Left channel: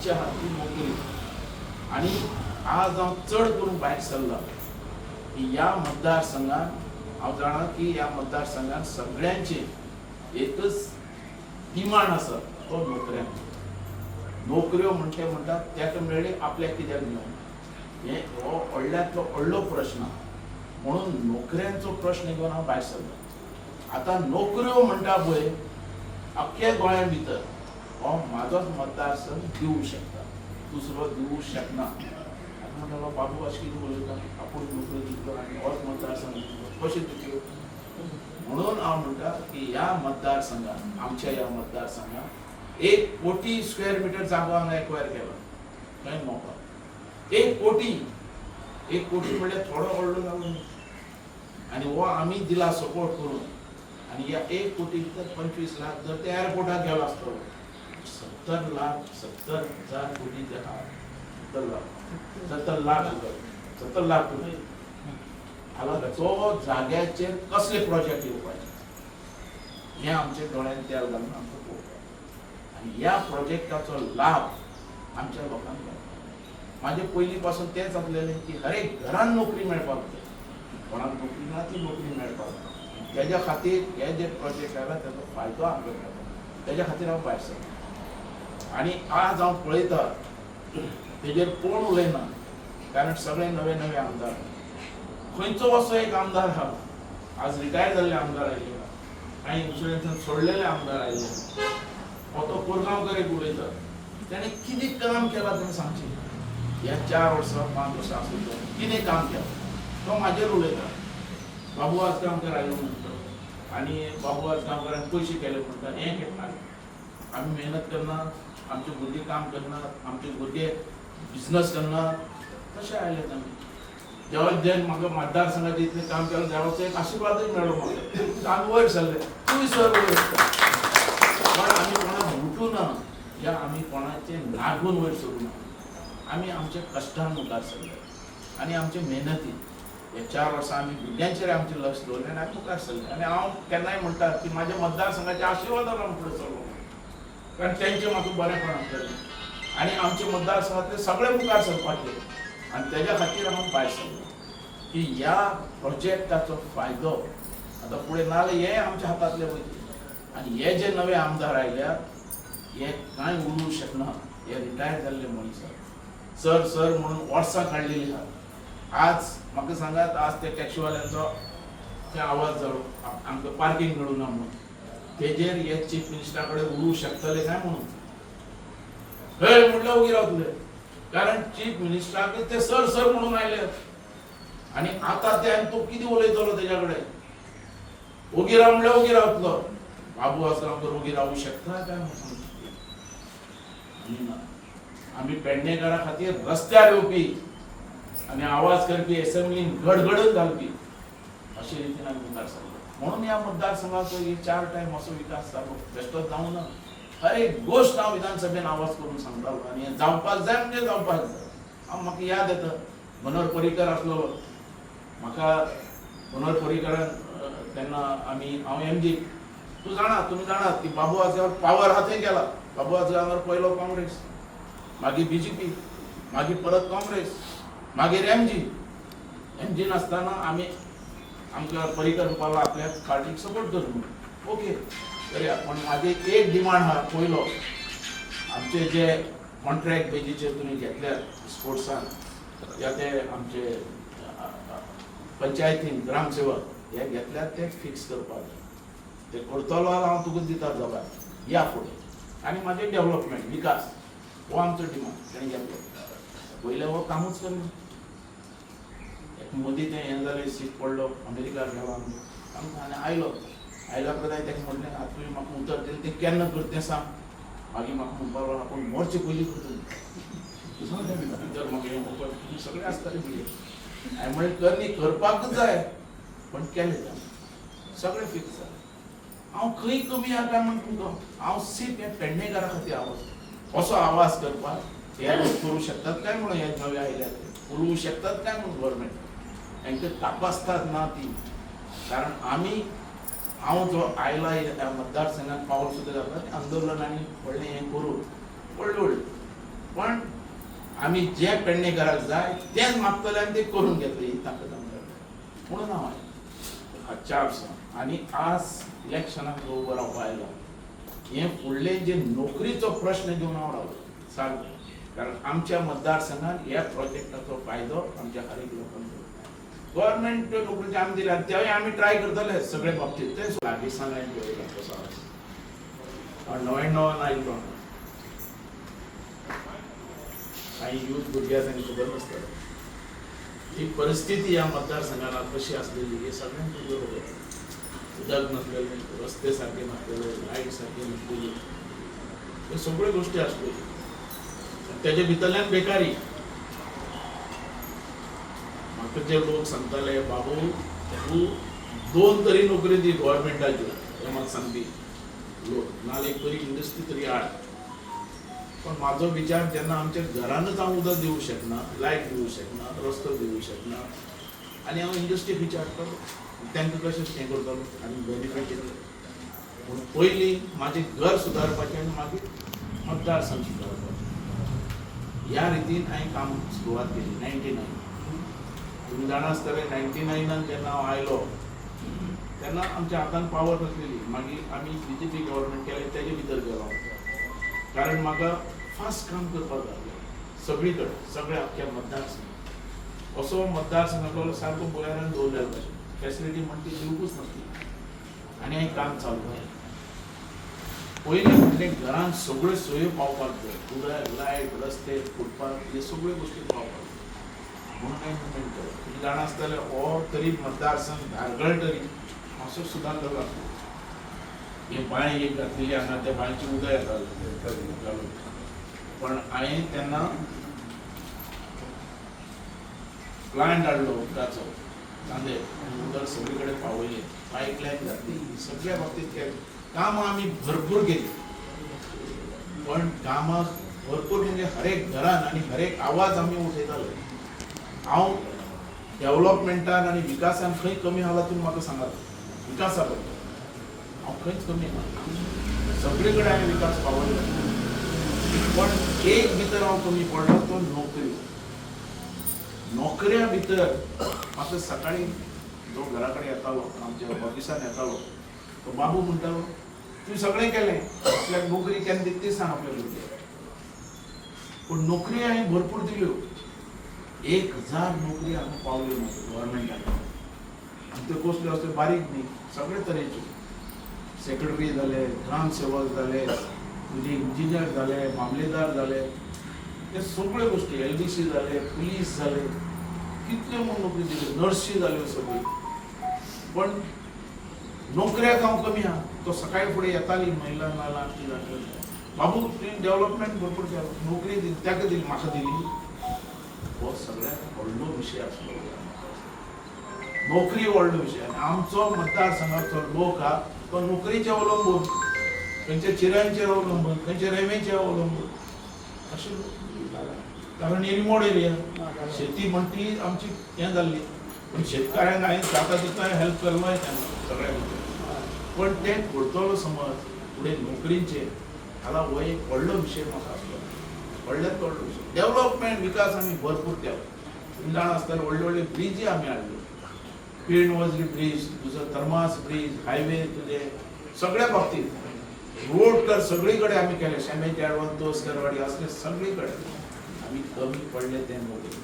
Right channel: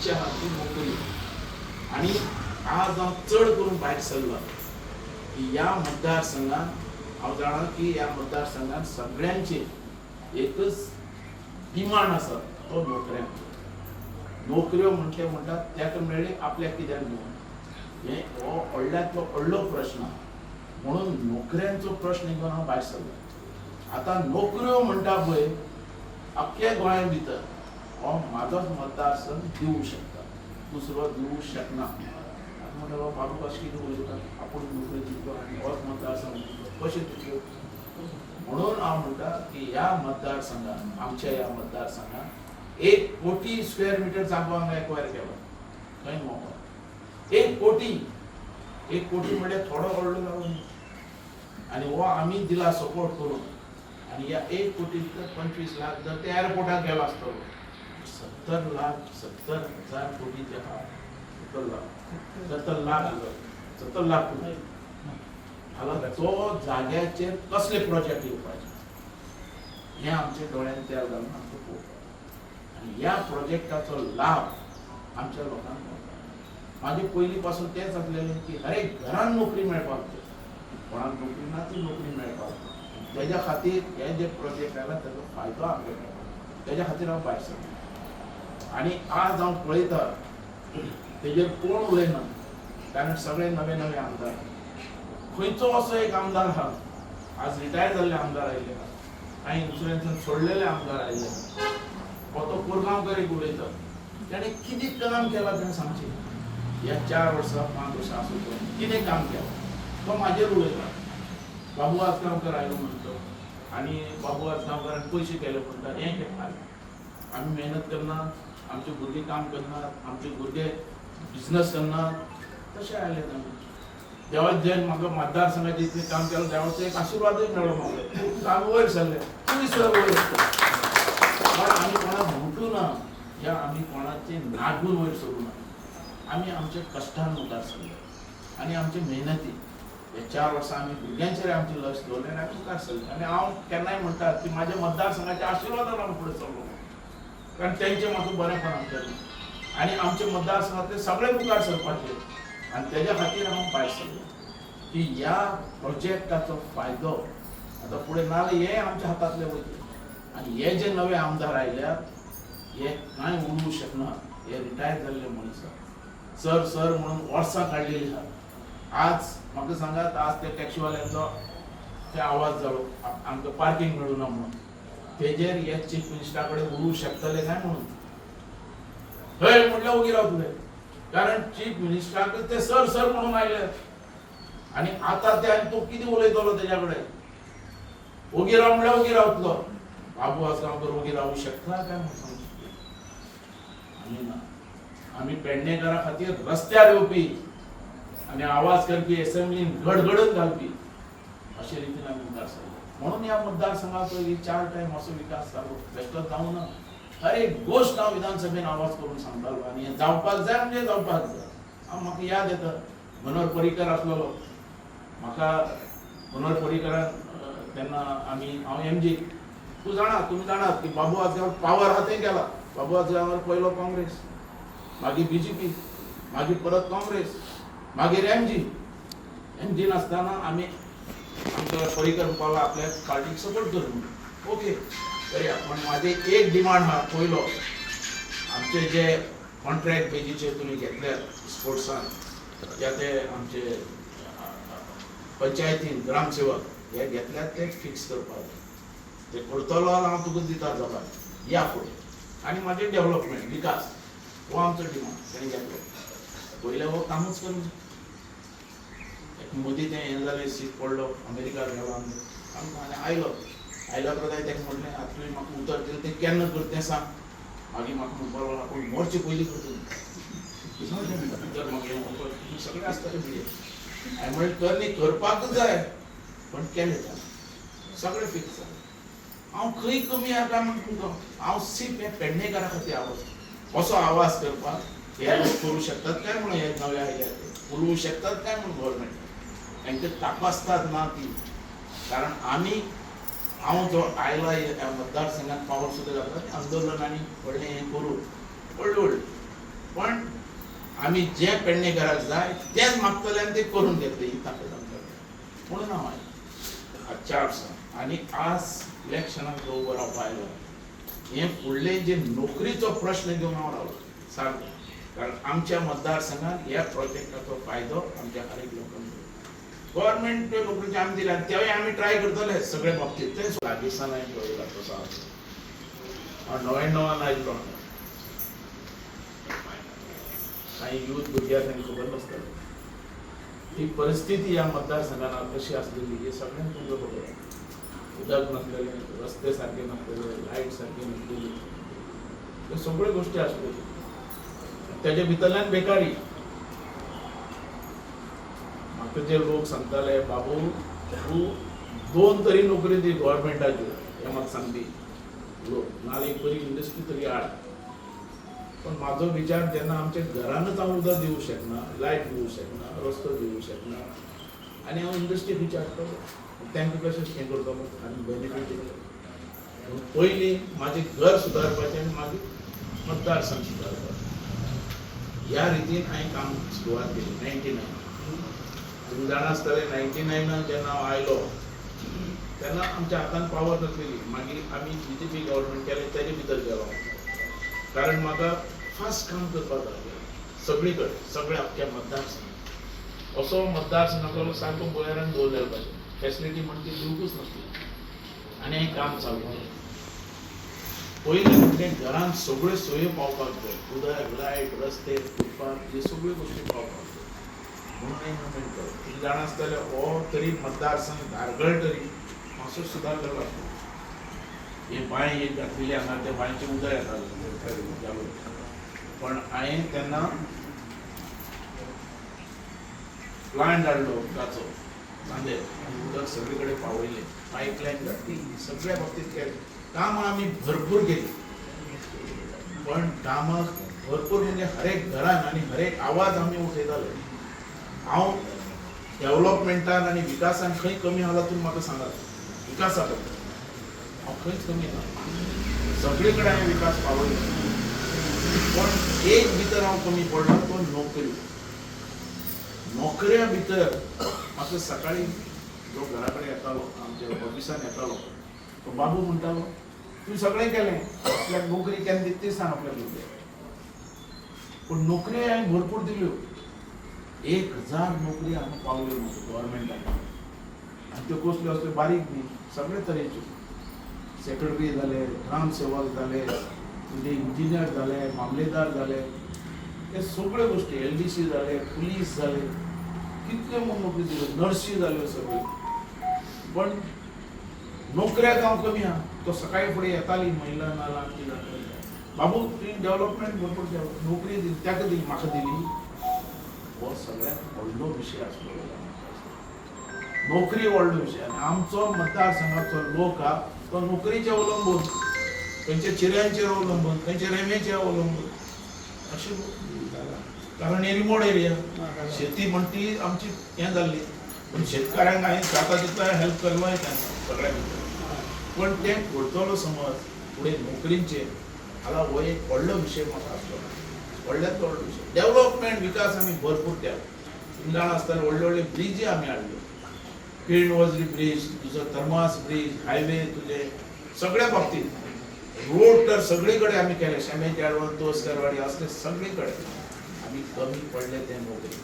आमच्या हाती नोकरी. आणि आज हांव चड करून भायर सरला की या मतदारसंघात हांव जाणा की या मतदारसंघात सगळ्यांची एकच डिमांड आसा, तो नोकऱ्यांचो. नोकऱ्यो म्हणटात तेका मेळ्ळी आपल्याक कित्याक घेवन, हे हो व्हडल्यांतलो व्हडलो प्रश्न. म्हणून नोकऱ्यांचो प्रश्न घेवन हांव भायर सरलो. आतां नोकऱ्यो म्हणटा पळय अख्ख्या गोंया भितर हो म्हाजोच मतदारसंघ दिवूं शकता, दुसरो दिवूं शकना. आतां म्हणटा बाबू अशें कितें उलयता, आपूण नोकरी दितलो आनी होच मतदारसंघ दितलो, कशें दितल्यो? म्हणून हांव म्हणटा की ह्या मतदारसंघात, आमच्या ह्या मतदारसंघात 1 कोटी स्क्वेअर मिटर जागो हांगा एक्वायर केला खंय मोको. 1 कोटी म्हळ्यार थोडो व्हडलो जागो न्ही. आनी हो आमी दिला सपोर्ट करून. आनी ह्या 1 कोटी भितर 25 लाख जर ते एअरपोर्टाक गेलो आसतलो, 70,000 कोटी तेका 70 लाख कोटी. हांगा तो जाग्याचेर कसले प्रोजेक्ट येवपाचे हे आमच्या दोळ्यान तेल घालून आमकां पळोवपाक. आनी ह्या प्रोजेक्टाचो लाभ आमच्या लोकांक मेळपाक. म्हाजें पयलीं पासून तेंच आसलेलें की हर एक घरान नोकरी मेळपाक जाय, कोणाक नोकरी ना ती नोकरी मेळपाक जाय. तेज्या खातीर हे जे प्रोजेक्ट आयला तेजो फायदो आमकां मेळपाक, तेज्या खातीर हांव भायर सरलो. आनी आज हांव पळयता तेजेर कोण उलयना, कारण सगळे नवे नवे आमदार. खंयचो असो एक आमदार आहा, आज रिटायर जाल्ले आमदार आयले, कांय इन्शुरन्सान सोडलेले आमदार आयले, हो तो कोरगांवकर एक उलयता, ताणें कितें काम केलां तेणें सांगचें. ह्या 4 वर्सां 5 वर्सां आसूं तो कितें काम केलां तो म्हाजेर उलयता. बाबू आजगांवकर आयलो म्हणटा आनी बाबू आजगांवकरान पयशे केले म्हणटा, हें केलें. आमी मेहनत करनात, आमचे भुरगे काम करनात, आमचे भुरगे बिजनस करनात, तशें आयले आमी. जेव्हा जे म्हाका मतदारसंघाचें इतलें काम केलें देवाचो एक आशिर्वादूय मेळ्ळो म्हाका. आमी वयर सरले, तुमी सर वयर. पण आमी कोणाक घुटू ना या आमी कोणाचे नागून वयर सरूं ना. आमी आमच्या कश्टान मुखार सरले आनी आमचे मेहनतीन हे 4 वर्सां आमी भुरग्यांचेर आमचें लक्ष दवरलें आनी मुखार सरले. आनी हांव केन्नाय म्हणटा की म्हाज्या मतदारसंघाच्या आशिर्वादान हांव फुडें सरलो, कारण तेंचें म्हाका बरेंपणां केलें आनी आमचे मतदारसंघांतले सगळे मुखार सरपाचे. आनी तेज्या खातीर हांव भायर सरलो की ह्या प्रोजेक्टाचो फायदो आतां फुडें नाल्यार हे आमच्या हातांतले वयतले. आनी हे जे नवे आमदार आयल्यात हे कांय उलूंक शकना. हे रिटायर जाल्ले मनीस आसात, सर म्हणून वर्सां काडलेलीं आसात. आज म्हाका सांगात, आज त्या टॅक्सीवाल्यांचो ते आवाज जालो आमकां पार्किंग मेळूना म्हणून. तेजेर हे चीफ मिनिस्टरा कडेन उलोवंक शकतले काय म्हणून हय म्हटल्यार उगी रावतले, कारण चीफ मिनिस्टराक ते सर म्हणून आयले. आनी आतां ते आनी तो कितें उलयतलो तेज्या कडेन? उगी राव म्हणल्यार उगी रावतलो. बाबू आजगांवकर उगी रावूंक शकता काय म्हणून आमी ना. आमी पेडणेकारा खातीर रस्त्यार येवपी आनी आवाज करपी, एसेंब्लीन गडगडून घालपी, अशे रितीन आमी मुखार सरले. म्हणून ह्या मतदारसंघाचो 4 टायम असो विकास जालो, बेश्टोच जावं ना. हर एक गोश्ट हांव विधानसभेन आवाज करून सांगतालो आनी हें जावपाक जाय म्हणजे जावपाक जाय. म्हाका याद येता मनोहर पर्रीकर आसलो, म्हाका मनोहर पर्रीकरान तेन्ना हांव एमजी, तुमी जाणात की बाबू आजगांव पावर आहा थंय गेला. बाबू आजगांवर पयलो काँग्रेस, मागीर बीजेपी, मागीर परत काँग्रेस, मागीर एमजीन आसतना आमी आमकां पर्रीकर म्हणपाक आपल्या पार्टीक सपोर्ट करूं. ओके करया, पण म्हाजी एक डिमांड आहा. पयलो, आमचे जे कॉन्ट्रॅक्ट बेजीचेर तुमी घेतल्यात स्पोर्ट्सान या ते आमचे पंचायतीन ग्रामसेवक हे घेतल्यात ते फिक्स करपाक. ते करतलो जाल्यार हांव तुका दिता जबाब, या फुडें. आनी म्हाजें डेव्हलपमेंट विकास हो आमचो डिमांड तेणें घेतलो. पयलें हो कामूच करना. एक मोदी तें हें जालें, सीट पडलो, अमेरिकार गेलो आमी आयलो उपरांत हांवें ताका म्हटलें, आतां तुवें म्हाका उतर दिलें तें केन्ना करता तें सांग. मागीर म्हाका म्हणपाक लागलो, आपूण मोर्चे पयलीं करता म्हाका सगळें आसतालें भुरगे. हांवें म्हणलें कर न्ही, करपाकच जाय, पण केलें तें सगळें फिक्स जालें. हांव खंय कमी आहा काय म्हण तुमकां, हांव सीप हे पेडणेकारा खातीर आवाज असो आवाज करपाक हे लोक करूं शकतात काय म्हणून हे नवे आयल्यात ते उलोवंक शकतात काय म्हणून गव्हर्मेंट हांकां तापासतात ना ती. कारण आमी हांव जो आयला ह्या मतदारसंघात पावर सुद्दां घातला, आंदोलन आनी व्हडलें हें करून व्हडलें पण आम्ही जे पेडणेकराक जाय तेच मागतले आणि ते करून घेतले ही ताकद आमच्याकडे. म्हणून हांव आजच्या आडसां आणि आज इलेक्शनाक उबो रावपा आयलो. हे फुडले जे नोकरीचो प्रश्न घेवन हांव रावलो सारको. कारण आमच्या मतदारसंघात ह्या प्रोजेक्टाचो फायदो आमच्या हर एक लोकांक गव्हर्नमेंट नोकरीचे आमी दिल्या तेवूय आमी ट्राय करतले सगळे बाबतीत. ते लागीसान हांवें पळयला कसो हांव 99 आयिल्लो. काही युथ भुरग्यां तांकां खबर नासता ही परिस्थिती ह्या मतदारसंघात कशी आसलेली हे सगळ्यांक खबर आसा. उदक नासलेले, रस्ते सारखे नासलेले, लायट सारखी नासलेली, ह्यो सगळ्यो गोश्टी आसल्यो. तेजे भितरल्यान बेकारी. म्हाका जे लोक सांगताले बाबू तूं 2 तरी नोकरी दी गव्हर्नमेंटाच्यो, हे म्हाका सांगपी लोक, नाल्यार एक बरी इंडस्ट्री तरी हाड. पण म्हाजो विचार जेन्ना आमच्या घरानच हांव उदक दिवंक शकना, लायट दिवंक शकना, रस्तो दिवंक शकना आनी हांव इंडस्ट्री खंयची हाडटलो, तांकां कशें हें करतलो आनी बेनिफीट दितलो. पूण पयलीं म्हाजें घर सुदारपाचें आनी मागीर मतदारसंघ सुदारपाचें ह्या रितीन हांवें काम सुरवात केली. 99 तुम्ही जाणा आसतले 99 जेन्ना हांव आयलो तेन्ना आमच्या हातान पावर नासलेली. मागीर आमी BJP गव्हर्नमेंट केलें तेजे भितर गेलो. कारण म्हाका फास्ट काम करपाक जाय सगळी कडेन, सगळ्या अख्ख्या मतदारसंघात. असो मतदारसंघाचो सारको गोंयान दवरलेलो भशेन फॅसिलिटी म्हणटा ती दिवंकूच नासली आनी हें काम चालू केलें. पयलीं म्हणजे घरांत सगळ्यो सोयो पावपाक जाय. उदक, लायट, रस्ते, फुटपाथ हे सगळ्यो गोश्टी पावपाक जाय. म्हणून हांवें मुवमेंट केलो. तुमी जाणा आसतले हो तरी मतदारसंघ धारगळ तरी मातसो सुदारलेलो आसलो. हे बांय एक घातलेली हांगा त्या बांयचें उदक येतालें. पण हांवें तेन्ना प्लांट हाडलो उदकाचो चांदे, उदक सगळे कडेन पावयलें, पायपलायन घातली, सगळ्या बाबतींत केलें. कामां आमी भरपूर केली. पण कामां भरपूर म्हणजे हर एक घरान आनी हर एक आवाज आमी उठयताले. हांव डेव्हलपमेंटान आनी विकासान खंय कमी आसला तुमी म्हाका सांगात. विकासा बद्दल हांव खंयच कमी ना, सगळे कडेन हांवें विकास पावयलो. पण एक भितर हांव कमी पडलो तो नोकरी. नोकऱ्या भितर म्हाका सकाळी जो घरा कडेन येतालो, आमच्या ऑफिसान येतालो, तो बाबू म्हणटालो तुवें सगळें केलें, आपल्याक नोकरी केन्ना दिता ती सांग आपल्या भुरग्याक. पूण नोकरी हांवें भरपूर दिल्यो. 1000 नोकरी हांगा पावल्यो म्हाका गव्हर्नमेंटान. आनी त्यो कसल्यो असल्यो बारीक न्ही, सगळे तरेच्यो. सेक्रेटरी जाले, ग्रामसेवक जाले, तुजे इंजिनियर जाले, मामलेदार जाले, हे सगळ्यो गोश्टी, LDC जाले, पुलीस जाले, कितल्यो म्हूण नोकरी दिल्यो, नर्सी जाल्यो सगळ्यो. पण नोकऱ्याक हांव कमी आहा. तो सकाळी फुडें येताली महिला नाल्यार आमची जातली बाबू तुवें डेव्हलपमेंट भरपूर केलो, नोकरी दिली, ताका दिली, म्हाका दिली. हो सगळ्यात व्हडलो विशय आसलो. नोकरी व्हडलो विशय. आनी आमचो मतदारसंघाचो लोक हा तो नोकरीचेर अवलंबून, खंयच्या चिऱ्यांचेर अवलंबून, खंयच्या रेंवेचेर अवलंबून अशें. कारण एरिमोड एरिया, शेती म्हणटा ती आमची हें जाल्ली. पण शेतकाऱ्यांक हांवें जाता तितलो हेल्प केलोय तांकां सगळ्या भितर. पण ते करतलो समज फुडें नोकरींचेर हाला हो एक व्हडलो विशय म्हाका आसलो. व्हडल्यात व्हडलो विशय. डेव्हलपमेंट विकास आमी भरपूर केलो. तुमी जाणा आसतले व्हडले व्हडले ब्रिजी आमी हाडल्यो. पिणवजरी ब्रिज, तुजो थर्मास ब्रिज, हायवे, तुजे सगळ्या बाबतींत रोड तर सगळे कडेन आमी केले. शेमेचे आडवण, तोसकरवाडी असले सगळे कडेन आमी कमी पडले ते नोकरी.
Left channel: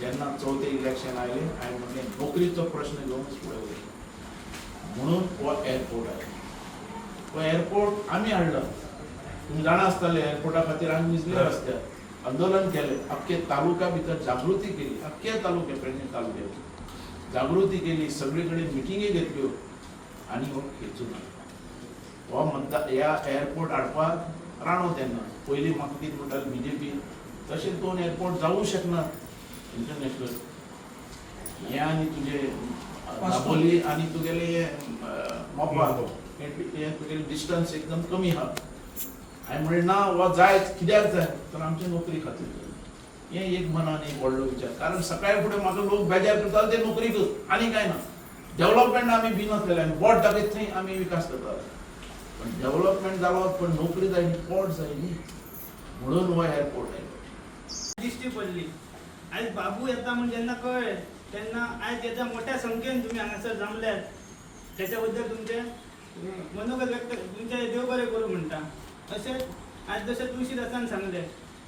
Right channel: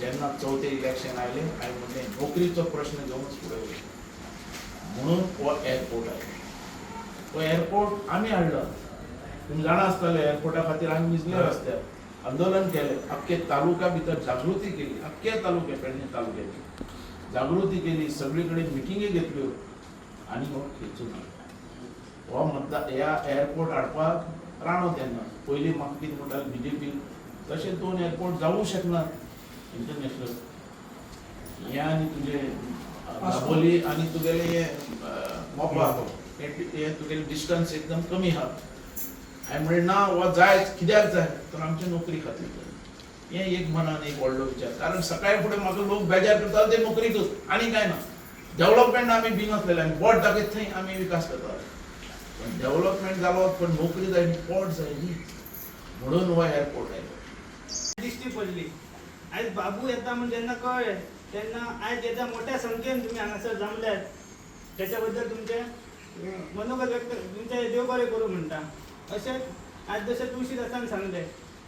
जेन्ना चवथे इलेक्शन आयले हांवें म्हणलें नोकरीचो प्रश्न घेवनच फुडें वयलो. म्हणून हो एअरपोर्ट आयलो. हो एअरपोर्ट आमी हाडलो. तुमी जाणा आसतले एअरपोर्टा खातीर आमी निजले रस्त्यार आंदोलन केलें. अख्खे तालुका भितर जागृती केली. अख्ख्या तालुक्या पेडणे तालुक्याची जागृती केली. सगळे कडेन मिटिंगे घेतल्यो आनी हो खेचून हाडलो. हो ह्या एअरपोर्ट हाडपाक राणो तेन्ना पयलीं म्हाका कितें म्हणटाले BJP तशें 2 एअरपोर्ट जावूं शकना इंटरनॅशनल. हें आनी तुजे दाबोली आनी तुगेले हे मोपा हे तुगेले डिस्टन्स एकदम कमी आहा. हांवें म्हणलें ना हो जाय. कित्याक जाय तर आमची नोकरी खातीर. हें एक मनान एक व्हडलो विचार. कारण सकाळी फुडें म्हाका लोक बेजार करताले ते नोकरीकच, आनी कांय ना. डेव्हलपमेंट आमी भिनासलेले, आमी बोट दाखयत थंय आमी विकास करताले. पण डेव्हलपमेंट जालो पण नोकरी जाय न्ही, पोट जाय न्ही. म्हणून हो एअरपोर्ट आहे. दिश्टी पडली. आज बाबू येता म्हणून जेन्ना कळ्ळें तेन्ना आज येता मोठ्या संख्येन तुम्ही हांगासर जमल्यात, त्याच्याबद्दल तुमचे मनोगत व्यक्त, तुमचे देव बरें करूं म्हणटा. अशेंच आज जशें तुळशीदासान सांगलें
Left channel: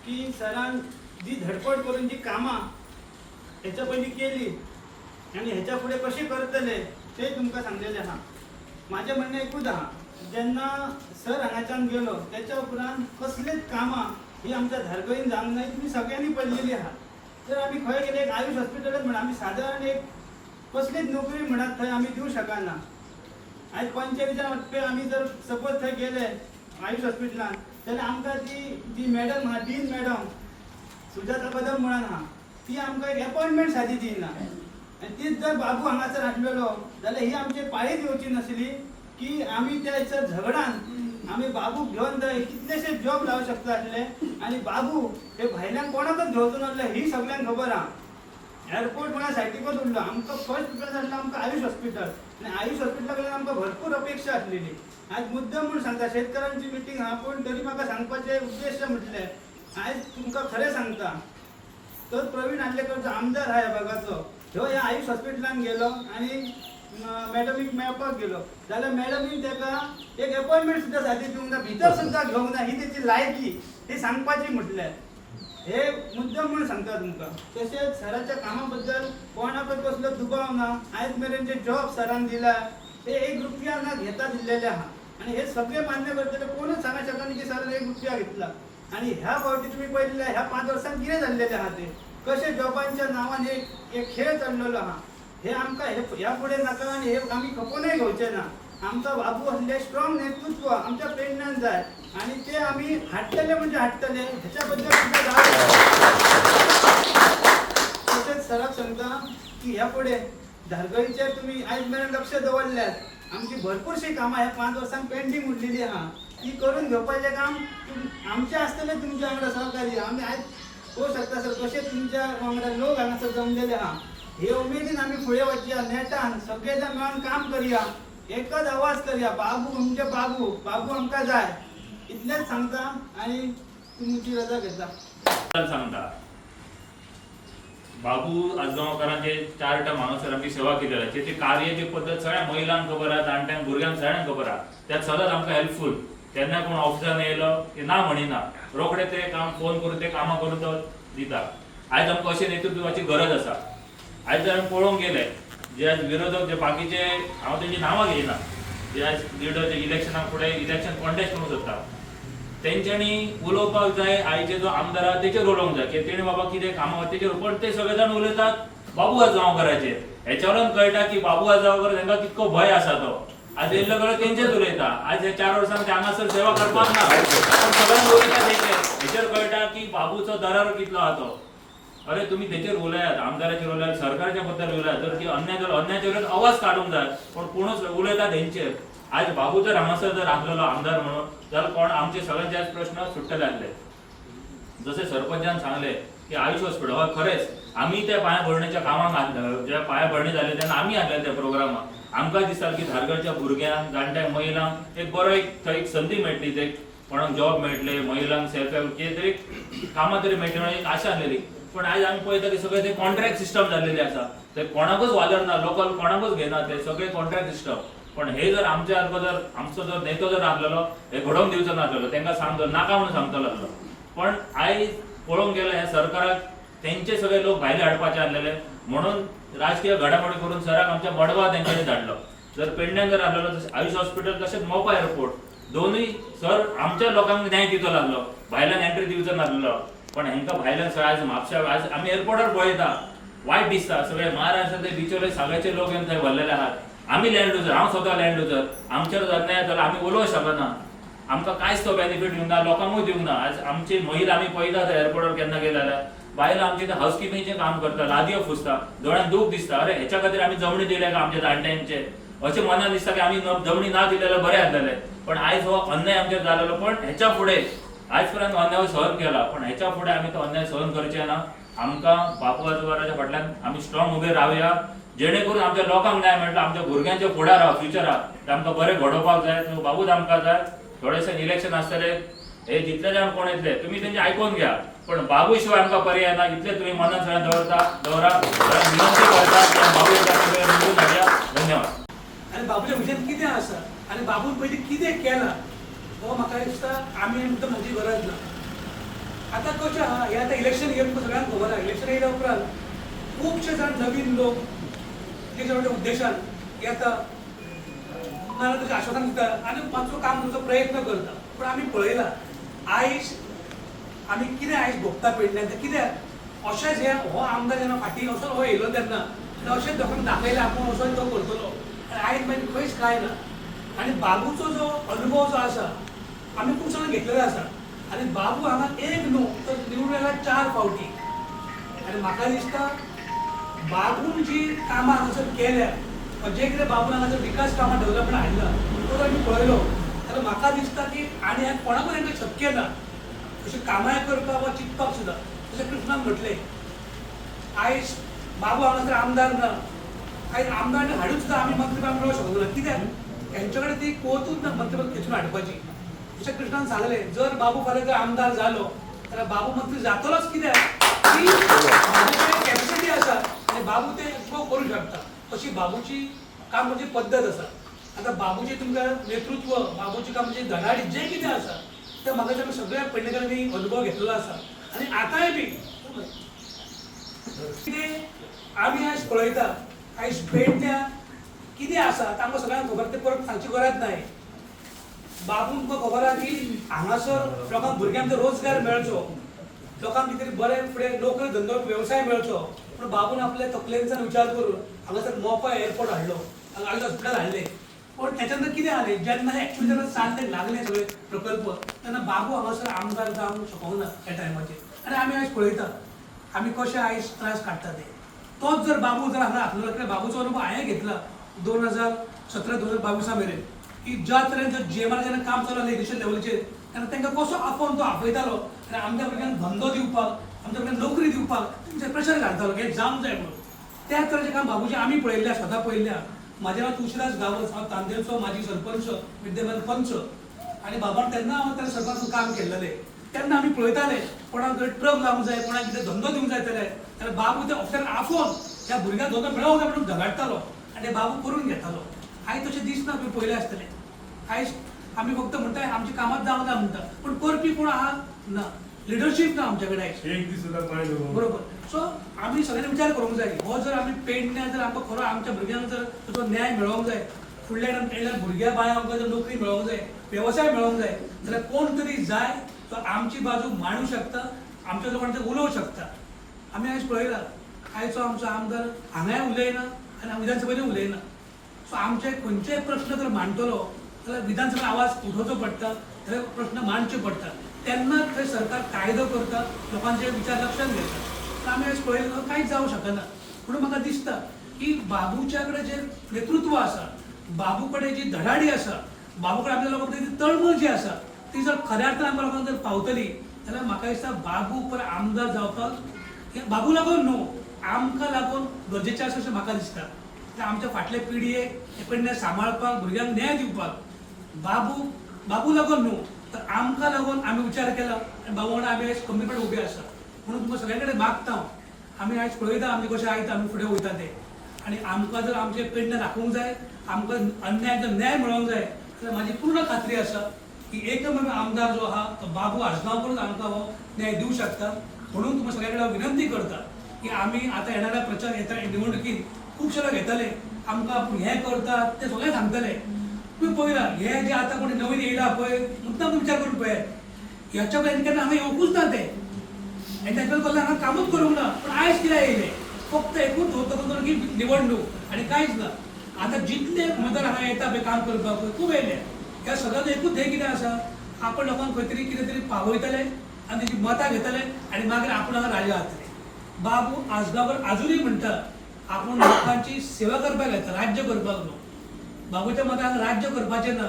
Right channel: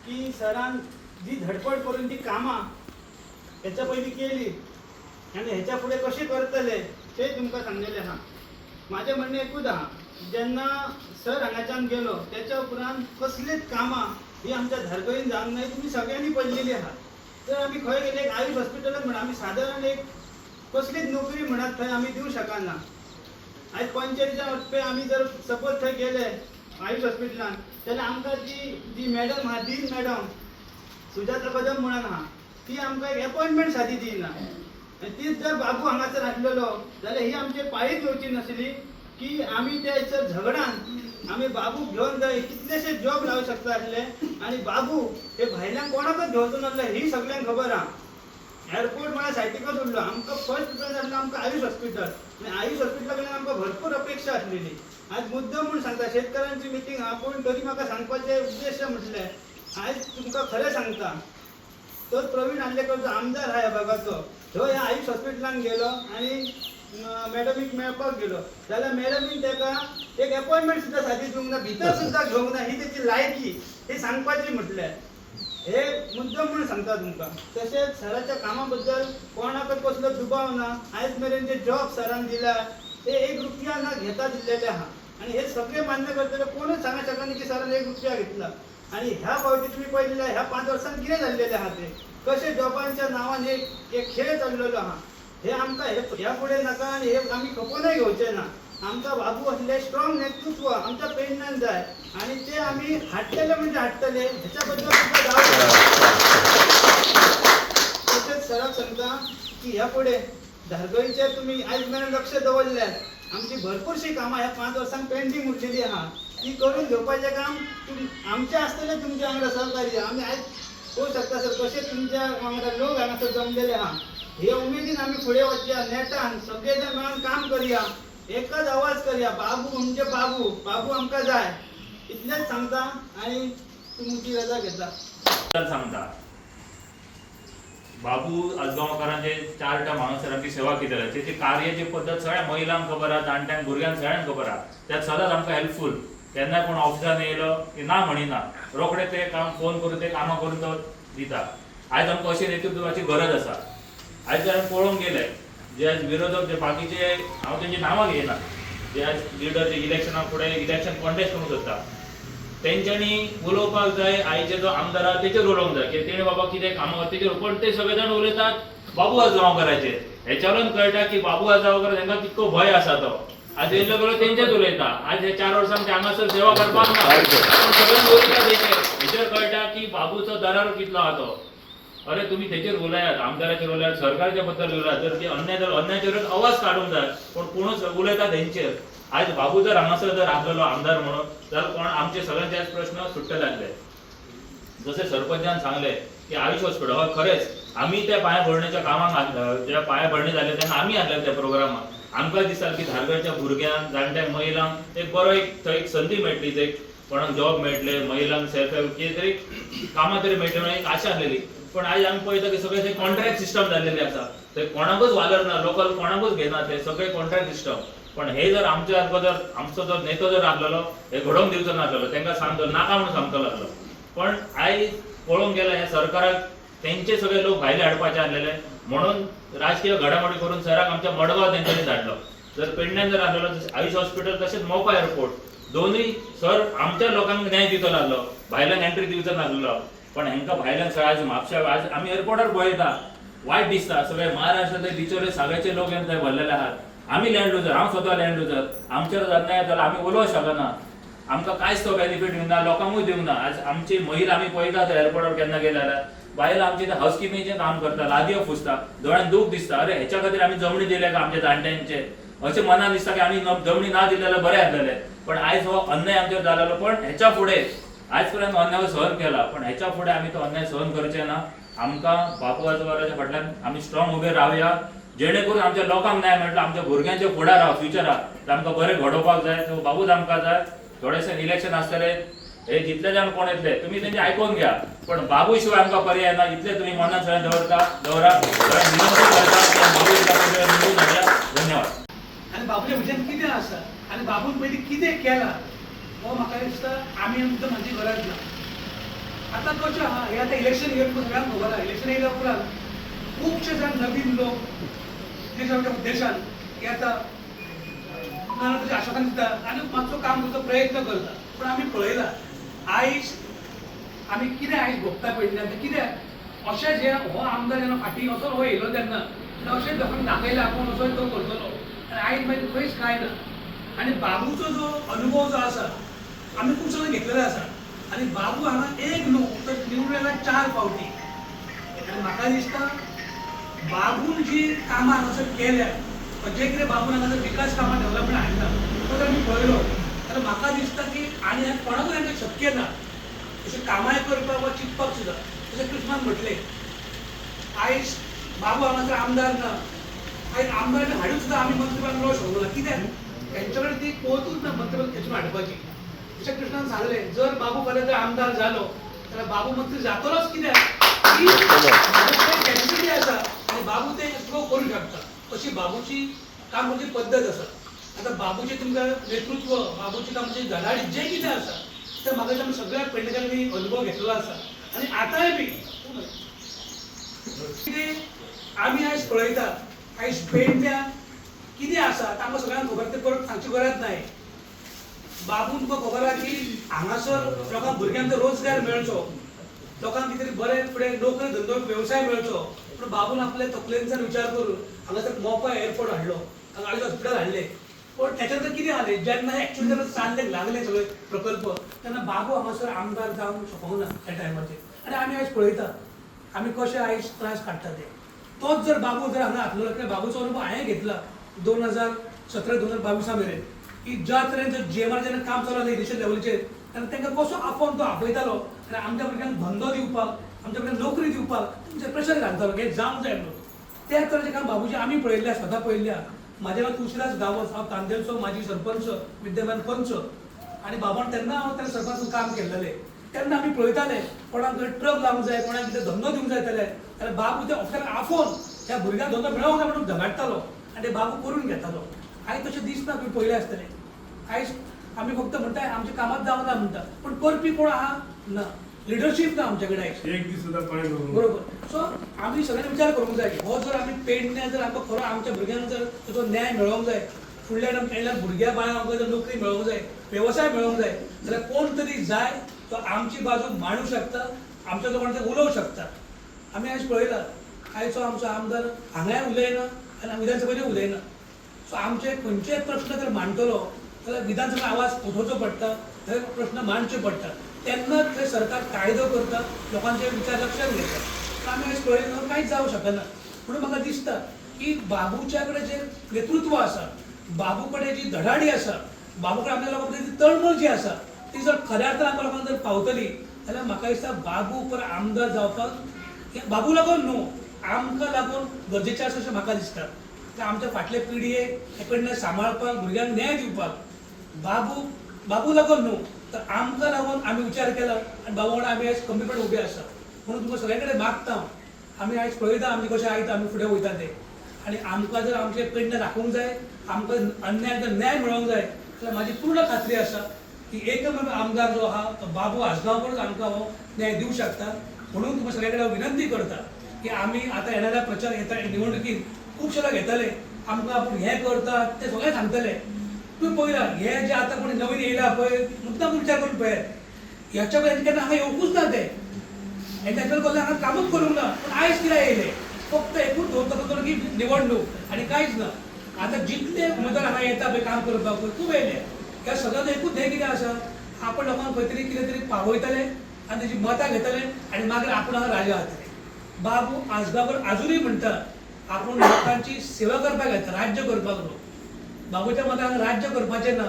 की सरान जी धडपड करून जी कामां हेच्या पयलीं केली आनी हेच्या फुडें कशी करतले ते तुमकां सांगलेलें आहा. माझें म्हणणें एकूच आहा, जेन्ना सर हांगाच्यान गेलो त्याच्या उपरांत कसलीच कामां ही आमच्या धारगळीन जावंक नाय, तुमी सगळ्यांनी पळयलेली आहा. तर आमी खंय गेले एक आयुष हॉस्पिटलांत म्हणा आमी सादारण एक कसलीच नोकरी म्हणत थंय आमी दिवं शकना. आज पंचायतीच्या वटपे आमी जर सपोज थंय गेले आयुष हॉस्पिटलांत जाल्यार आमकां जी मॅडम आहा, डीन मॅडम सुजाता कदम म्हणून आहा, ती आमकां एक अपॉइंटमेंट सादी दिना. आनी तीच जर बाबू हांगासर आसलेलो जाल्यार ही आमची पाळीच येवची नासली की आमी त्या झगडान आमी बाबू घेवन थंय कितलेशे जॉब लावूं शकता आसले. आनी बाबू हे भायल्यान कोणाकच घेवचो नासले ही सगळ्यांक खबर आहा. एअरपोर्ट म्हळ्यार सायटीकच उरलो. आमकां फर्स्ट प्रिफरन्स आसलो आमकां आयुष हॉस्पिटल, आनी आयुष हॉस्पिटला कडल्यान आमकां भरपूर अपेक्षा आसलेली. आज मुद्दम म्हणून सांगता, शेतकऱ्यांची मिटींग आहा पूण तरी म्हाका सांगपाचें उद्देश म्हटलें, आज तुमकां खरें सांगता, तो प्रवीण आल्लेकरचो आमदार आहा ह्या भागाचो, ह्यो ह्या आयुष हॉस्पिटलान गेलो आनी मॅडमीक मेळपाक गेलो जाल्यार मॅडमीन ताका एक अपॉइंटमेंट सुद्दां सादी दिवंक ना, भितर सुद्दां घेवंक ना. ही तेची लायकी ही सांगपाची म्हटल्यार हे मुद्दम म्हणून सांगता तुमकां. तशेंच सराच्या कामा बद्दल कोणाकच कसलो दुबाव ना. आयज मेरेन जे जॉब सरान दिला ते 1 रुपया ना घेता दिल्लेले आहा. आनी हे सगळे मान्य करतले, कोणूच सांगूंक शकना की सरान 1 रुपया घेतला. आनी ह्या फावटी तुमी पळयलें ह्या 5 वर्सांत कितें जाल्लेलें आहा ते कशे जॉबांच्या नांवान एक खेळ चल्लेलो आहा. हे आमकां ह्या फुडें नाका आनी हे आमी खपोनूय घेवचे ना. आमकां बाबू असले स्ट्रॉंग नेतृत्व आमच्या पेडण्यान जाय आनी ते आमी हाडटले म्हणजे हाडटले. हेच्या बद्दल तशेंच सराक सांगता की ह्या फुडें धारगळीचेर तुमी आयज मेरेन लक्ष दवरल्यात. आमची भरपूरशी कामां ह्या 5 वर्सांक पेंडींग उरलेली आहा, ती करून घेवपाचें काम आमचें आसतलें तुमच्या वांगडा सहकारी. आमी आयज पळोवंक शकता सर कशे तुमच्या वांगडा लोक हांगासर जमलेले आहा. हे उमेदीन आमी फुडें वचया, नेटान सगळे जाण मेळून काम करया, एकच आवाज करया, बाबू म्हणजे बाबू, बाबू आमकां जाय. इतलेंच सांगता आनी तुमची रजा घेता. सांगता बाबू आजगांवकारांचे 4 टर्म हांगासर आमची सेवा केलेली, त्याची कार्याची पद्दत सगळ्या महिलांक खबर आहा, जाणट्यांक भुरग्यांक सगळ्यांक खबर आहा. त्यात सदांच आमकां हेल्पफूल. केन्ना कोण ऑफिसान येयलो की ना म्हणिना, रोखडे ते काम फोन करून ते कामां करून तो दिता. आयज आमकां अशें नेतृत्वाची गरज आसा. आयज जर आमी पळोवंक गेले जे आज विरोधक जे बाकीचे, हांव तेंची नांवां घेयना, जे आज लिडर जे इलेक्शनाक फुडें इलेक्शन कॉन्टेस्ट करूंक सोदता, तेंच्यांनी उलोवपाक जाय. आयचे जो आमदार आहा तेचेर उलोवंक जाय की तेणे बाबा कितें कामां तेचेर. पण ते सगळे जाण उलयतात बाबू आजगांवकाराचेर. हेच्यावरून कळटा की बाबू आजगांवकार तांकां कितको भंय आसा तो. आज येयल्लो गेलो तेंचेच उलयता. आज हे 4 वर्सांक ते हांगासर सेवा करपाक ना, पण सगळ्यांक उलयता तेचेर. हेचेर कळटा की बाबूचो दरार कितलो आहा तो. अरे तुम्ही तेचेर उलयात, आमदाराचेर उलयात, सरकारच्या बद्दल उलयात, तर ती अन्यायाचेर आवाज काडूंक जाय, पण कोणूच उलयता तेंचेर. आज बाबू जर हांगासर जर आसलेलो आमदार म्हणून जाल्यार कोण आमचे सगळ्यांचे आज प्रश्न सुट्टले आसले. जसे सरपंचान सांगले की आयुष हॉस्पिटल हय खरेंच आमी त्या पायाभरणीच्या कामाक आसले, ज्या पायाभरणी जाले तेन्ना आमी आसले त्या प्रोग्रामाक. आमकां दिसता की धारगळच्या भुरग्यांक, जाणट्यांक, महिलांक एक बरो थंय एक संदी मेळटली, एक कोणाक जॉब मेळटले, महिलांक सेल्फ हेल्प कितें तरी कामां तरी मेळटली म्हणून एक आशा आसलेली. पण आयज आमी पळयता की सगळे ते कॉन्ट्रॅक्ट सिस्टम जाल्लेली आसा. ते कोणाकूच वालर ना, लोकल कोणाकूच घेना, ते सगळे कॉन्ट्रॅक्ट सिस्टम. पण हे जर आमच्या जर आमचो जो नेतो जर आसलेलो हे घडोवंक दिवचो नासलेलो, तांकां सांगतलो नाका म्हणून सांगतलो आसलो. पण आयज पळोवंक गेल्यार हे सरकाराक तेंचे सगळे लोक भायले हाडपाचे आसलेले म्हणून राजकीय घडामोडी करून सराक आमच्या मडगांव तेंच्यांनी धाडलो. जर पेडण्यान जर आसलेलो आयुष हॉस्पिटल तशेंच मोपा एअरपोर्ट दोनूय सर आमच्या लोकांक न्याय दितो नासलो, भायल्यान एंट्री दिवचो नासलो. पण हेंकां भायल्यान आयज म्हापशा आयज आमी एअरपोर्टार पळयता वायट दिसता. सगळे महाराष्ट्रांतले बिचोले सगळ्याचे लोक थंय भरलेले आहात. आमी लँड लुजर, हांव स्वता लँड लुजर, आमचेर अन्याय जालो आमी उलोवंक शकना. आमकां कांयच तो बेनिफीट दिवंक ना, लोकांकूय दिवंक ना. आज आमची महिला आमी पळयता थंय एअरपोर्टार केन्ना गेले जाल्यार बायलां आमची हाऊसकीपिंगचें काम करता, लादयो पुसता, दोळ्यान दूख दिसता. अरे हेच्या खातीर आमी जमणी दिले का आमच्या जाणट्यांचे अशें मनान दिसता की आमी जमणी ना दिले जाल्यार बरें आसलेलें. पण आयज हो अन्याय आमचेर जालेलो. पण हेच्या फुडें आज पर्यंत अन्याय सहन केला, पण हेच्या फुडें आमी तो अन्याय सहन करचे ना. आमकां बापू आजोबाच्या फाटल्यान आमी स्ट्रॉंग उबे रावया, जेणे करून आमच्या लोकांक न्याय मेळटा, आमच्या भुरग्यांच्या फुडाराक फ्युचराक आमकां बरें घडोवपाक जाय. सो बाबूच आमकां जाय. थोडेशे इलेक्शन आसतले, हे जितले जाण कोण येतले तुम्ही त्यांचे आयकून घ्या, पण बाबू शिवाय आमकां पर्याय ना. इतले तुम्ही मनात सगळ्यांना दवरा विनंती करता की बाबू एकदा सगळ्या निवडून हाडया. धन्यवाद. आणि बाबूच्या विशयान कितें आसा आनी बाबून पयलीं कितें केलां हो म्हाका दिसता आमी एकदम हाची गरज ना. आतां कशें आहा, हे आतां इलेक्शन येवन सगळ्यांक खबर आहा, इलेक्शन येयल्या उपरांत खुबशे जाण नवीन लोक तेच्या उद्देशान येता, नाजाल्यार तेजें आश्वासन दिता आनी मातसो काम करचो प्रयत्न करता. पूण आमी पळयलां आयज आमी कितें आयज भोगता पेडण्यान तें कित्याक अशेंच हे हो आमदार जेन्ना फाटीं असो हो येयलो तेन्ना अशेंच लोकांक दाखयलें आपूण असो तो करतलो आनी आयज मागीर खंयच कांय ना. आनी बाबूचो जो अनुभव जो आसा आमी खूब सगळें घेतलेलो आसा आनी बाबू हांगा एक न्हू तर निवडून येयला 4 फावटी. आनी म्हाका दिसता बाबून जी कामां हांगासर केल्या जे कितें बाबून हांगासर विकास कामां डेव्हलपमेंट हाडला तो जर आमी पळयलो जाल्यार म्हाका दिसता की आनी आतां कोणाकूच हांगा शक्य ना अशें कामाय करपाक वा चिंतपाक सुद्दां. जशें कृष्णान म्हटलें आयज बाबू हांगासर आमदार ना, आयज आमदार हाडून सुद्दां आमी मंत्रीपदाक मेळोवंक शकना. कित्याक तेंचे कडेन ती कोवतूच ना मंत्रीपद खेचून हाडपाची. जशें कृष्णान सांगलें जर बाबू फाल्यां जर आमदार जालो जाल्यार बाबू मंत्री जातलोच, कित्याक की कॅपेसिटी आसा आनी बाबू तें एक्सप्लोर करूंक शकता. अशी बाबूची काम करची पद्दत आसा. आतां बाबूचें तुमकां नेतृत्व, बाबूची काम म्हणजे धडाडी जें कितें आसा तें म्हाका दिसता आमी सगळ्या पेडणेकारांनी अनुभव घेतलेलो आसा आनी आतांय बी कितें आमी आयज पळयता आयज पेडण्या कितें आसा आमकां सगळ्यांक खबर, तें परत सांगची गरज नाय. बाबून तुका खबर आहा की हांगासर लोकांक भुरग्यांक रोजगार मेळचो, लोकांक कितें तरी बरें फुडें नोकरी धंदो वेवसाय मेळचो. पूण बाबून आपल्या तकलेंतल्यान विचार करून हांगासर मोपा एअरपोर्ट हाडलो, हांगा हॉस्पिटल हाडलें. पण त्याच्यानंतर कितें जालें जेन्ना एक्चुअली तेन्ना चालले लागले सगळे प्रकल्प तेन्ना बाबू हांगासर आमदार जावंक शकूंक ना त्या टायमाचेर. आनी आमी आयज पळयता आमी कशे आयज त्रास काडटा ते. तोच जर बाबू जर हांगा आसलो जाल्यार बाबूचो अनुभव हांवें घेतला 2017-2022 मेरेन की ज्या तरेन जर जीएमआर जेन्ना काम चालू जालें नेशनल लेवलीचेर तेन्ना तांकां कसो आपोवन तो आपयतालो आनी आमच्या भुरग्यांक धंदो दिवपाक, आमच्या भुरग्यांक नोकरी दिवपाक तांचेर प्रेशर घालतालो की हें जावंक जाय म्हणून. त्या तरेचें काम बाबूचें आमी पळयल्ल्या, स्वता पळयल्ल्या. म्हाजें नांव तुळशीदास गांवस, हांव तांदेलचो माजी सरपंच, विद्यमान पंच. आनी बाबान तेन्ना हांव त्या सरपंच काम केल्लें तेन्ना आमी पळयताले कोणाक जर ट्रक लावंक जाय, कोणाक कितें धंदो दिवंक जाय जाल्यार बाबू त्या ऑफिसाक आफोवन त्या भुरग्यांक धंदो मेळोंक जाय म्हणून झगडटालो आनी ते बाबू करून घेतालो. आयज तशें दिसना, तुवें पळयलें आसतलें. आयज आमी फक्त म्हणटा आमचें कामात जावना म्हणटा पूण करपी कोण आहा ना, लिडरशीप ना आमचे कडेन आयज. एक दीस सुद्दां पांय धरून बरोबर. सो आमी सगळ्यांनी विचार करूंक जाय हो जर आमी पेडण्या जर आमकां खरो आमच्या भुरग्यांक जर तो न्याय मेळोंक जाय, फुडल्या टायमार भुरग्या बाळांक आमकां जर नोकरी मेळोंक जाय, वेवसाय मेळोंक जाय जाल्यार कोण तरी जाय तो आमची बाजू मांडूंक शकता, आमच्या लोकांचें उलोवंक शकता. आमी आयज पळयलां आयचो आमचो आमदार हांगाय उलयना आनी विधानसभेचेर उलयना. सो आमचे खंयचेय प्रश्न जर मांडटलो जाल्यार विधानसभेत आवाज उठोवचो पडटा, थंय प्रश्न मांडचे पडटा. तेन्नाच थंय सरकार कायदो करता, लोकांचे विचार लक्षांत घेता. पूण आमी आयज पळयलें कांयच जावंक शकना. म्हणून म्हाका दिसता की बाबूच्या कडेन जें नेतृत्व आसा, बाबू कडेन जी धडाडी आसा, बाबू कडेन आमच्या लोकां कडेन जी तळमळ जी आसा ती जर खऱ्या अर्थान आमच्या लोकांक जर पावतली जाल्यार म्हाका दिसता बाबू परत आमदार जावपाक बाबू लागून न्हू आमकां लागून गरजेचें आसा अशें म्हाका दिसता. आमच्या फाटले पिळगेक हे पेडण्या सांबाळपाक, भुरग्यांक न्याय दिवपाक बाबू लागून न्हू तर आमकां लागून आमी विचार केला आनी बाबा वांगडा आमी आयज खंबीरपणे उबे आसा. म्हणून तुमकां सगळे कडेन मागता आमी आयज पळयता आमी कशें आयता आमी फुडें वयता ते. आनी आमकां जर आमचे पेडण्या राखूंक जाय, आमकां अन्याय जर न्याय मेळोंक जाय जाल्यार म्हाजी पूर्ण खात्री आसा की एकमेव आमदार जो आहा तो बाबू आसगांवकरूच आमकां हो न्याय दिवंक शकता. म्हणून तुमकां सगळे कडेन विनंती करता की आमी आतां येणाऱ्या प्रचार येता निवडणुकीत खुबशे लोक येतले, आमकां हें करतात तें सगळें सांगतले. तुम्ही पळयलां हे जे आतां कोणी नवीन येयला पळय मुद्दाम विचार करून पळयात ह्याच्या पर्यंत केन्ना हांगा येवंकूच ना ते आनी तेच्या कडल्यान हांगा कामूच करूंक ना. पूण आयज कित्याक येयले फक्त एकूच धोतो की निवडणूक आनी कांयच ना. आतां जितले उमेदवार हांगा येता पळय काम करपाक पळय खूब येयले. ह्या सगळ्यांचो एकूच ध्येय कितें आसा आपण लोकांक खंय तरी कितें तरी पावयतले आनी तेजी मतां घेतले आनी मागीर आपण हांगा राजा जातले. बाबू आजगांवकर आजुनूय म्हणटा आपण लोकांची सेवा करपाक येता, राज्य करपाक न्हू. बाबूच्या मतान हांगा राज्य करपाचें ना.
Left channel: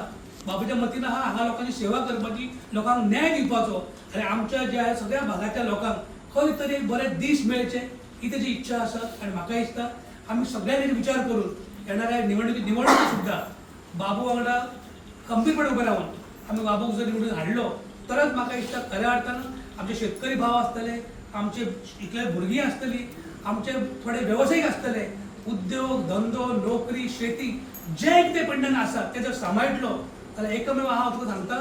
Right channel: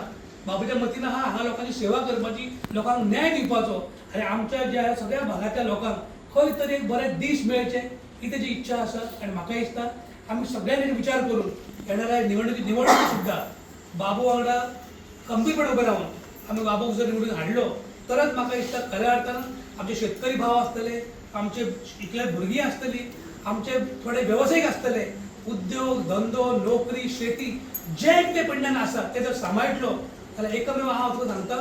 बाबूच्या मतीन आहा हांगा लोकांची सेवा करपाची, लोकांक न्याय दिवपाचो आनी आमच्या ज्या सगळ्या भागांतल्या लोकांक खंय तरी एक बरे दीस मेळचे ही तेजी इच्छा आसा. आनी म्हाका दिसता आमी सगळ्यांनी विचार करून येणाऱ्या निवडणुकी सुद्दां बाबू वांगडा खंबीरपणे उबे रावन आमी बाबूक जर निवडून हाडलो तरच म्हाका दिसता खऱ्या अर्थान आमचे शेतकरी भाव आसतले, आमचे इतले भुरगीं आसतली, आमचे थोडे व्यावसायिक आसतले, उद्योग धंदो नोकरी शेती जे कितें पेडण्यान आसा ते जर सांबाळटलो जाल्यार एकमेव हांव तुका सांगता,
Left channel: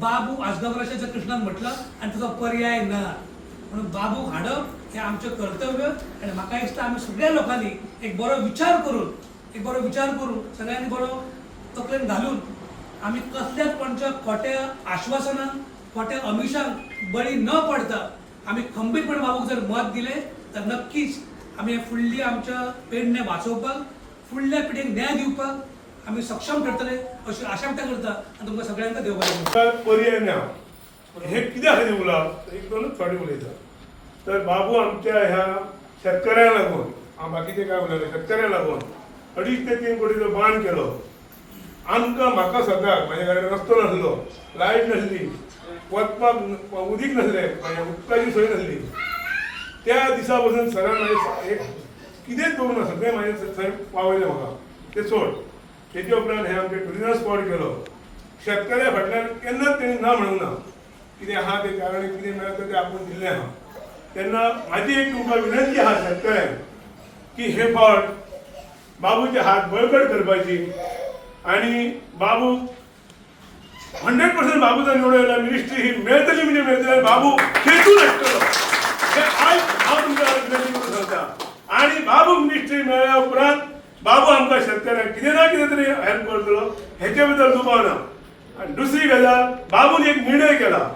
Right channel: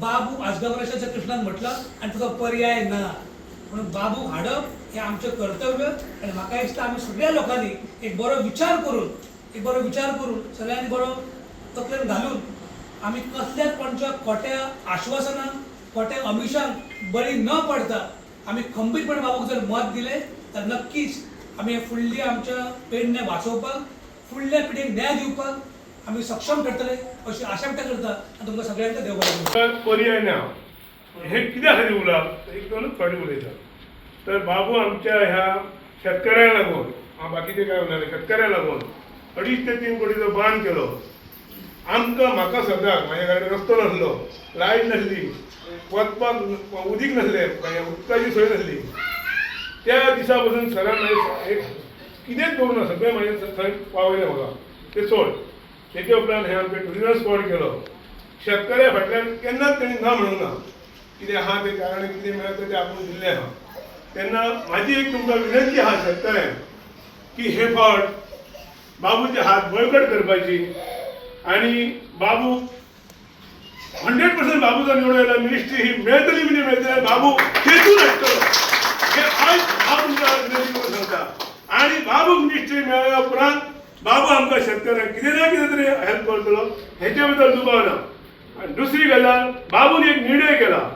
बाबू आजगावराच्या जर कृष्णान म्हटलं आनी तुका पर्याय ना. म्हणून बाबू हाडप हें आमचें कर्तव्य आनी म्हाका दिसता आमी सगळ्या लोकांनी एक बरो विचार करून सगळ्यांनी बरो तकलेन घालून आमी कसल्याच कोणच्या खोट्या आश्वासनांक खोट्या अमिशांक बळी न पडता आमी खंबीरपणे बाबूक जर मत दिलें तर नक्कीच आमी फुडली आमच्या पेडणे वाचोवपाक फुडल्या पिढीक न्याय दिवपाक आमी सक्षम ठरतले अशी आशा व्यक्त करता आनी तुमकां सगळ्यांक देव बरें करूं. पर्याय ना हे कित्या खातीर उलोवप एक दोनच फावटी उलयता. तर बाबू आमच्या ह्या शेतकऱ्यांक लागून हांव बाकीचे काय उलयना, शेतकऱ्यांक लागून 2.5 ते 3 कोटीचो बांद केलो. म्हाका सद्याक म्हाज्या घरान रस्तो नासलो, लायट नासली, वचपाक उदीक नसलें, उदकाची सोय नासली. त्या दिसा पासून सरान कितेंच करूं ना, सगळें म्हाजें थंय पावयलें म्हाका. तें सोड. तेच्या उपरांत हे आमचे टुरिजम स्पॉट केलो. शेतकऱ्या फाटल्यान केन्नाच तेणी ना म्हणूंक ना. कितें आहा तें कारण कितें मेळटा तें आपूण दिल्लें आहा. तेन्ना म्हाजी एक तुमकां विनंती आहा शेतकऱ्यांक की हे फावट बाबूचे हात बळकट करपाची आनी बाबू 100% बाबूचा निवडून येयला मिनिस्ट्री ही मेळटली म्हणजे मेळटली. बाबू खेचून हाडटलो हे आज हांव तुमकां विनंती करून सांगता. आनी बाबूक मिनिस्ट्री मेळ्ळ्या उपरांत बाबू आमकां शेतकऱ्यांक कितें ना कितें तरी हेल्प करतलो हेचे बद्दल दुबाव ना. आनी दुसरी गजाल, बाबून एक निर्णय केला,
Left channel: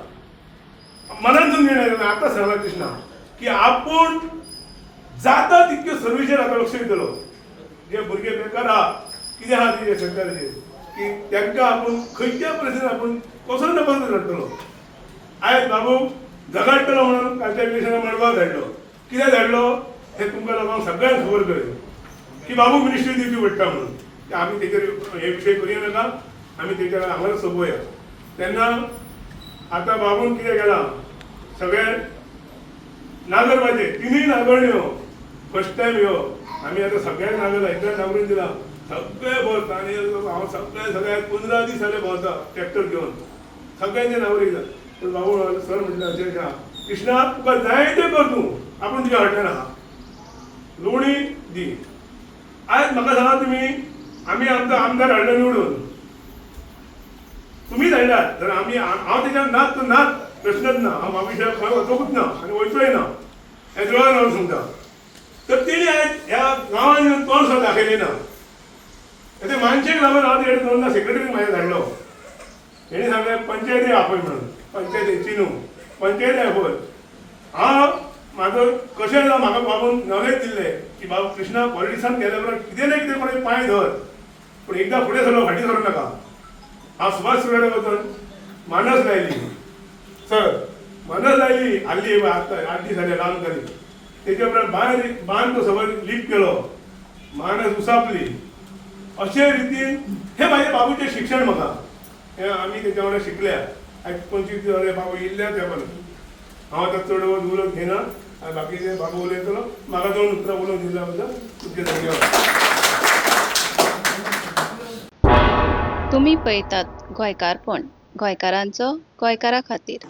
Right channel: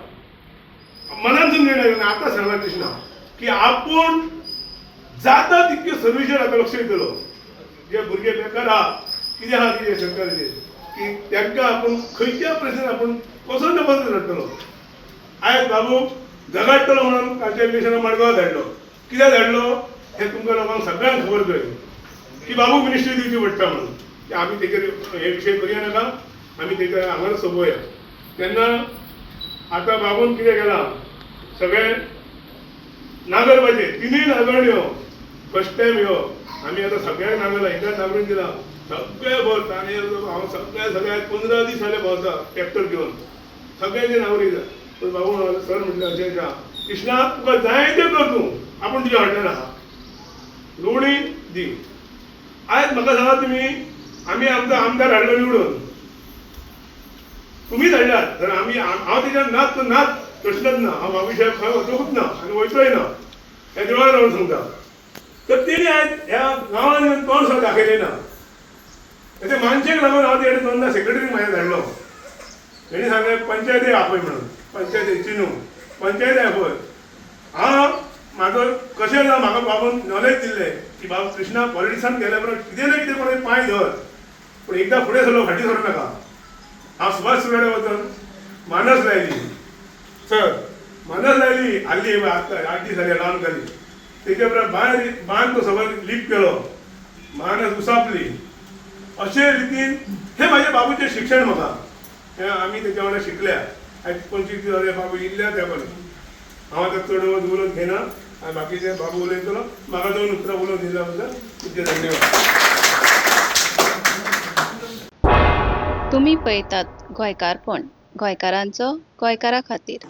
मनांतून निर्णय केला, आतां सांगला कृष्णा की आपूण जाता तितके सर्विसेर आतां लक्ष दितलो. जे भुरगे बेकार आहा कितें आहा ते शेतकऱ्याचे की तांकां आपूण खंयच्या परिस्थितीन आपूण कसो ना कसो धाडटलो. आयज बाबू झगडटलो म्हणून कालच्या इलेक्शनाक मडगांव धाडलो. कित्याक धाडलो हें तुमकां लोकांक सगळ्यांक खबर जाय की बाबूक मिनिस्ट्री दिवची पडटा म्हणून. आमी तेचेर हे विशय करया नाका, आमी तेच्या हांगाच सोंपोवया. तेन्ना आतां बाबून कितें केलां, सगळे नागरपाचे 3 नागरण्यो फर्स्ट टायम ह्यो आमी आतां सगळ्यांक नागरला, एकाच नागरून दिला. सगळे भोंवता आनी हांव सगळ्या 15 दीस जाले भोंवता ट्रॅक्टर घेवन सगळ्यांचे नागरीक जाय. पूण बाबू सर म्हटलें अशें आहा कृष्णा तुका जाय तें कर तूं, आपूण तुज्या फाटल्यान आहा, लोणी दी. आयज म्हाका सांगा तुमी आमी आमचो आमदार हाडलो निवडून, तुमी धाडल्यात तर आमी हांव तेच्यान नाच नाच प्रश्नच ना, हांव बाबू साहेब खंय वचोंकूच ना आनी वयतोय ना हे देवान हांव सांगता. तर तेणी आयज ह्या गांवांत येवन तोंड सुद्दां दाखयलें ना. ते मानशेक लागून हांव तेणे दोनदा सेक्रेटरीक म्हाज्या धाडलो. तेणी सांगलें पंचायती आपय म्हणून, पंचायती चिनू पंचायती आपय. हांव म्हाजो कशें जाता म्हाका बाबून नॉलेज दिल्लें की बाबू कृष्णा पॉलिटिक्सान गेल्या उपरांत कितें ना कितें करून पांय धर, पूण एकदां फुडें सरलो फाटीं सरूं नाका. हांव सुभाष सुर्याडे वचून मानस लायली, सर मानस लायली हाल्ली आतां 8 दीस जाले लावन जाली. तेच्या उपरांत बांद तो सगळो लिफ्ट केलो, मानस उसापली. अशे रितीन हे म्हाजे बाबूचें शिक्षण म्हाका हें आमी तेच्या वांगडा शिकल्या. आयज 25 दीस जाले बाबू इल्ल्या तेंपान हांव आतां चड उलोवंक घेना आनी बाकीचे बाबू उलयतलो. म्हाका 2 उतरां उलोवंक दिल्या बद्दल तुमचे धन्यवाद. तुम्ही पळयतात गोंयकारपण, गोंयकारांचो गोंयकारा खातीर.